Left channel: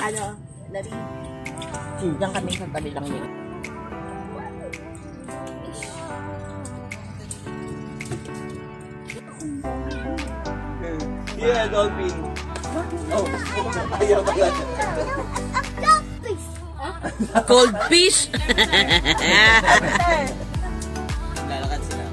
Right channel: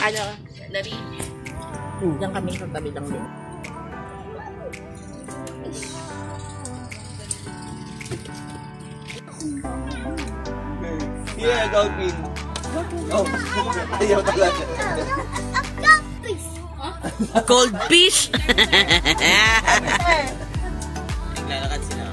Ano, Larry? Diyan kami sa tabi lang yun. Yeah, dolphin. Oh, ayaw talaga. Cold fish! Lalakad sila.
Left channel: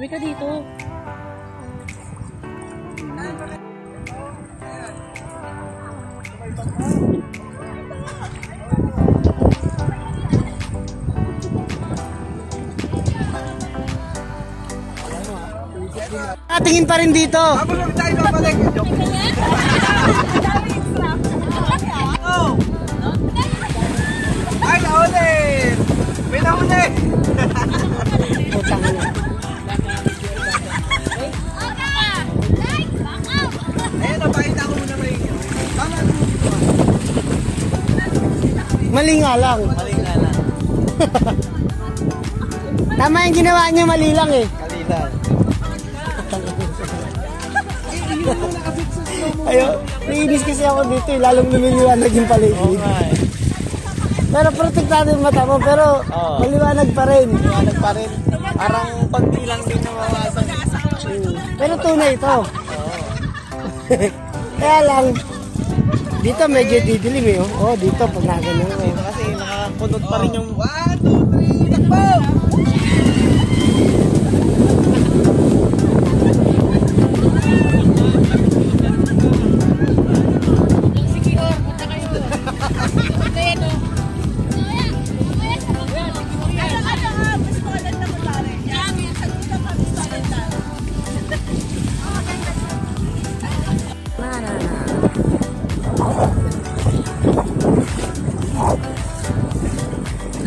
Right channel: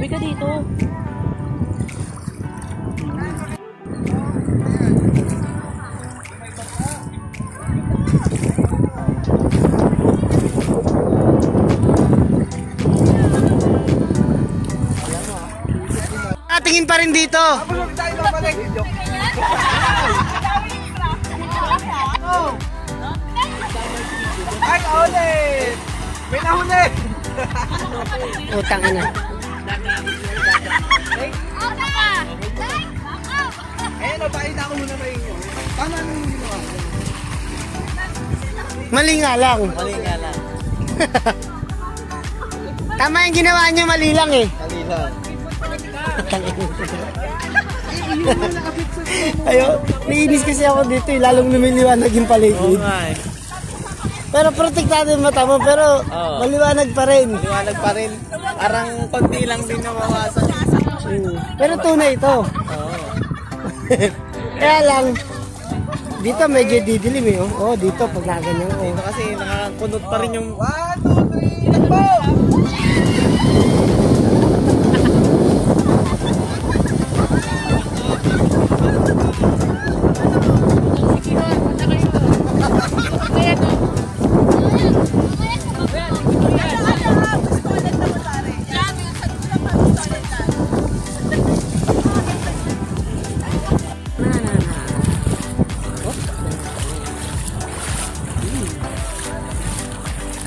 Uwi ka dito. Tingin pa rin dito. Ako lang tayo babalik. Ay, nahuli! May nahuli! Utang na. Ayun, napakita ko muna kayo inyo. Tama naman dito. Mali nga lang. Mali nga lang. Tama yung ginawa niyo, mali lang eh. Mali lang. Ayo, naiinis kasi ako dito eh, lalong lumiliwanag yung paligid. Pero protektado yung mata mo, pero maliwanag pa rin. Maliwanag pa rin. Parang konti lang din mawawasan. Pero tunay ito. Kaya lang, dito medyo didilim eh. Oh, dito pag naganon. Dito kasi nakapunod pa rin yung 1, 2, 3, takbo!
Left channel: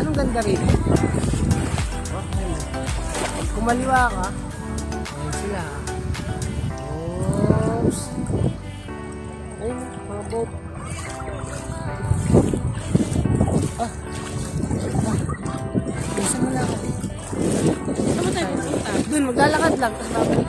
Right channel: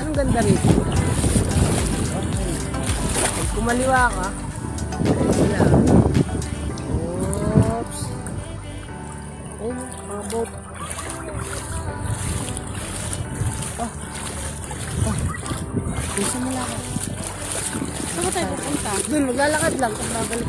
Anong ganda rito? Pag kumaliwa ka, sila. Oops. Ayun, mga boat. Bisa mo lang ako. Saan ba tayo pupunta? Doon, maglalakad lang. Tapos babalik.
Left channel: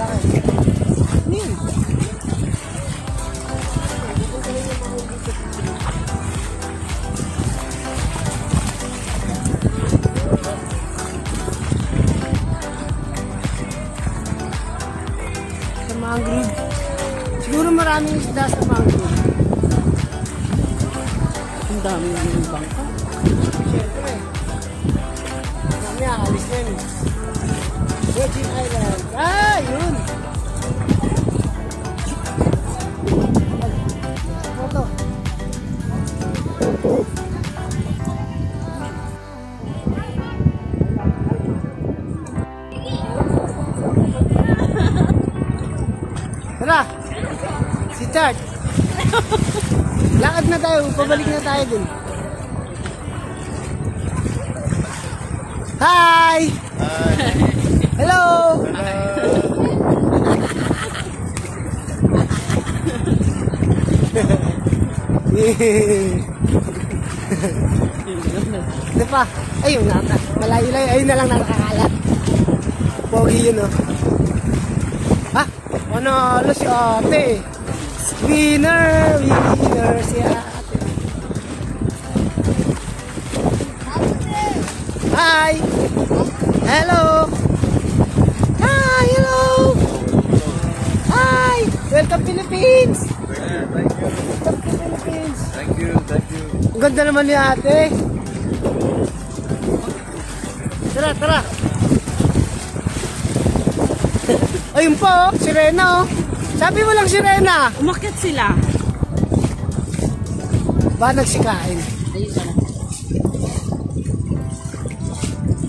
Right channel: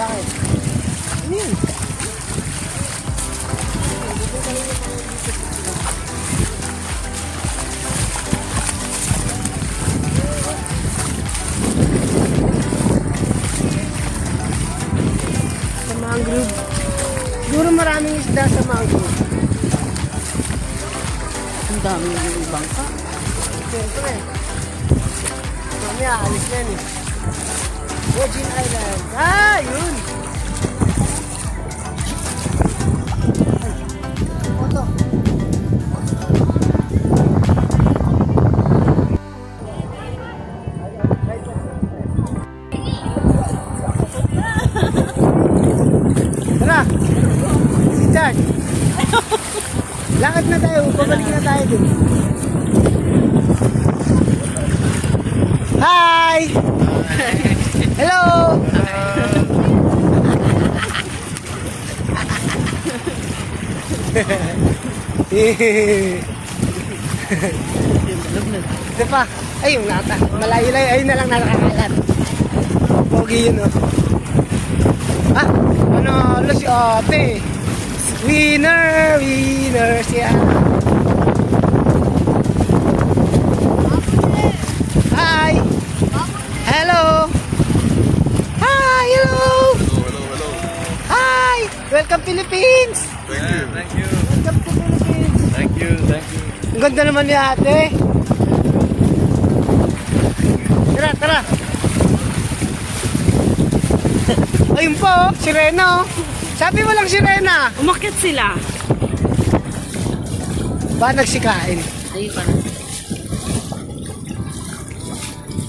Bakit? Yun. Dito ka rin yung mga dito. Sa mangrove. Siguro maraming isda sa mangrove. Ang dami yung bangka. Siyempre. Mamaya, alis na yun eh. Virgin Island. Ah, yun. Ay, photo. Tara. Si Chad. Lakad na tayo. Pabalik na tayo din. Hi! Hello! Ito pa. Ay, yung nata. Malayo-layo. Ayun na lang nakakalat. Pogi yun, oh. Ah, manalo si ate. Winner! Winner siya. Hi! Hello! Hi! Hello! Hi! Welcome Philippines! Thank you. Welcome to Philippines! Thank you. Thank you. Ang ganda naman ni ate. Tara, tara. Ayun po, sirena oh. Sabi mo lang sirena. Umakyat sila. Ba nagsikain? Ayun pala.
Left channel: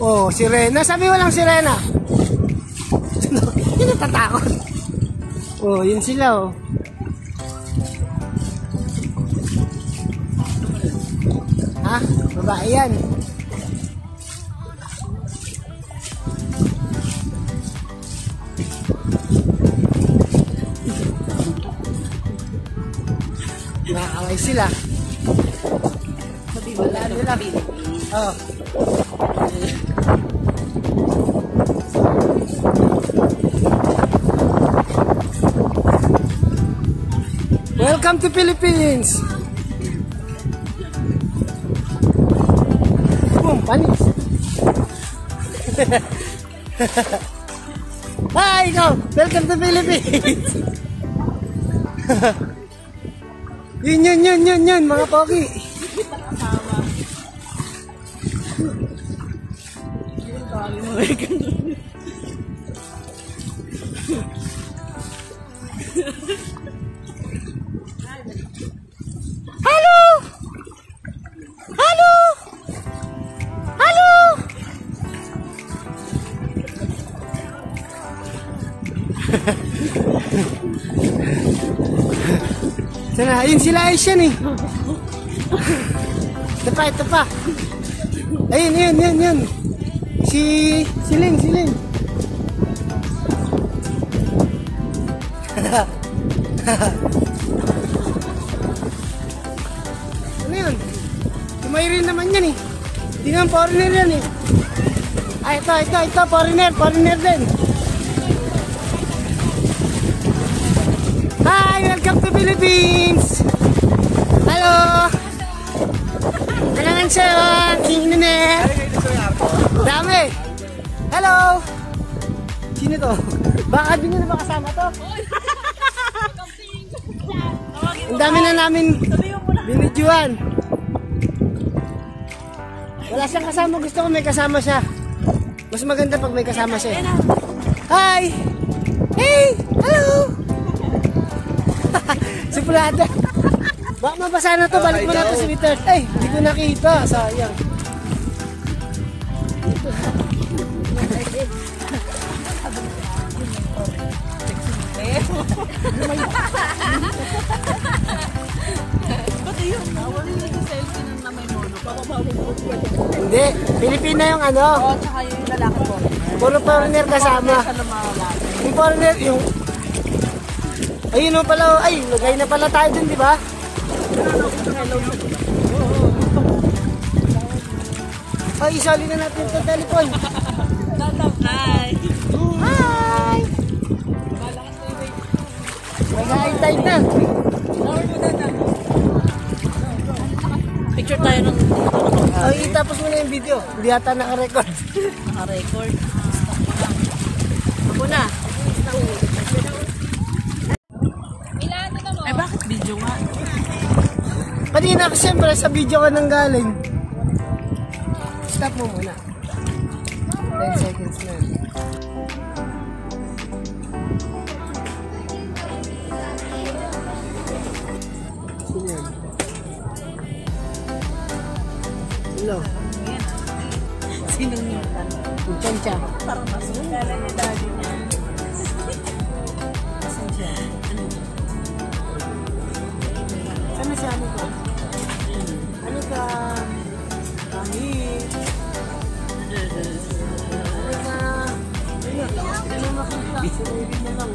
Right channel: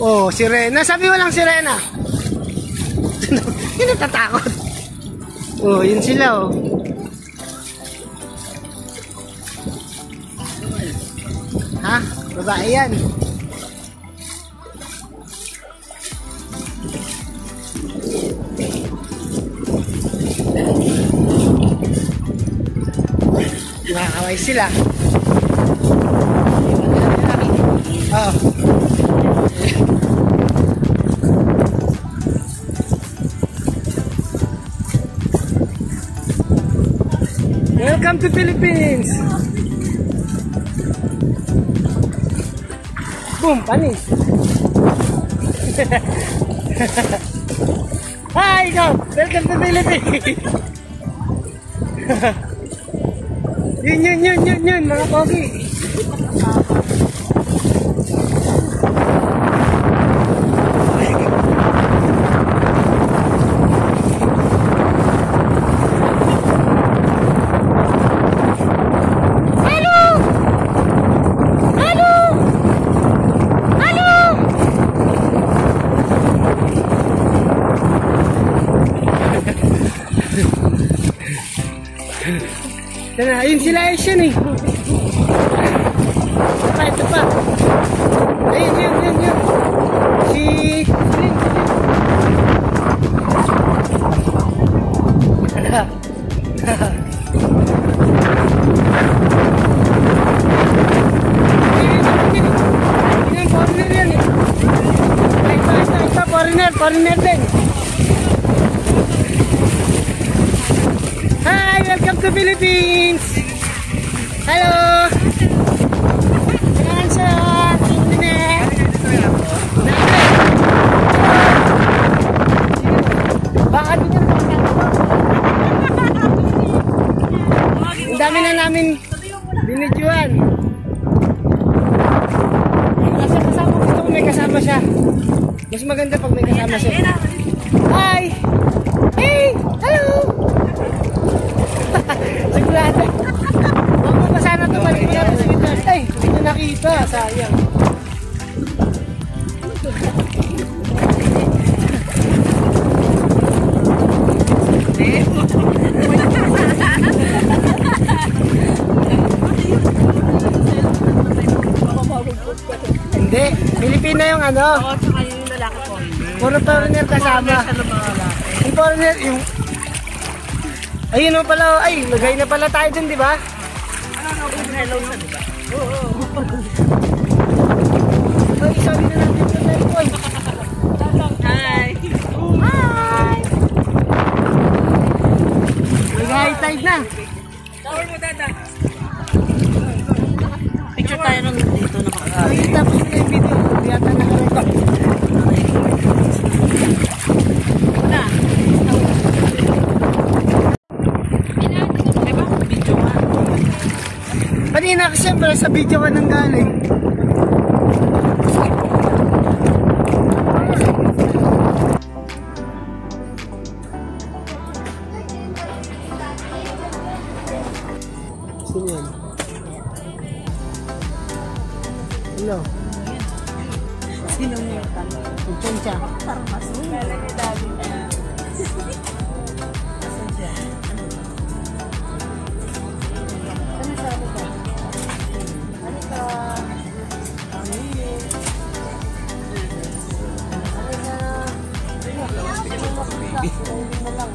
Oh, sirena. Sabi mo lang sirena. Yun natatakot. Oh, yun sila oh. Ha? Babae yan. Nakakaway sila. Wala rin kami. Oh. Welcome to Philippines. Boom, panis. Hi, ikaw. Welcome to Philippines. Yun, mga pogi. Sana, ayun sila Asian eh. Ito pa. Ayun, yun. Siling. May rin naman yan eh. Yun ang foreigner yan eh. Ay, ito, foreigner din. Hi, welcome to Philippines. Hello. Kailangan siya. Sino na? Dami. Hello. Sino to? Baka din yun makasama ko. Ang dami na namin binidyoan. Wala siyang kasama. Gusto ko may kasama siya. Mas maganda pag may kasama siya. Hi. Hey. Hello. Sigurado. Baka mabasa na to. Balik mo na to si Peter. Ay, hindi ko nakita. Sayang. Hindi. Pilipina yung ano. Oo, tsaka yung lalaki ko. Puro foreigner kasama. Yung foreigner, yung... Ayun o pala, ay, lagay na pala tayo dun, di ba? Hello sa diba? Ay, isali na natin yung telephone. Hi! Hi! live na. Lower mo dada. Picture tayo ng dito na Ay, tapos mo na yung video. Hindi ata naka-record. record. Ako na. Ay ba? Video nga. Kanina, siyempre, sa video ka nang galing. Stop mo. 10 seconds na. Sino yan? Hello? Sinong mutan? Magchan siya. Parang masun. Kala niya daddy. Masun siya. Ano to? Sama sa ano ka? Ano ka? Kami. Ano ka? Ayun, hindi mo makita. Sinunod na lang.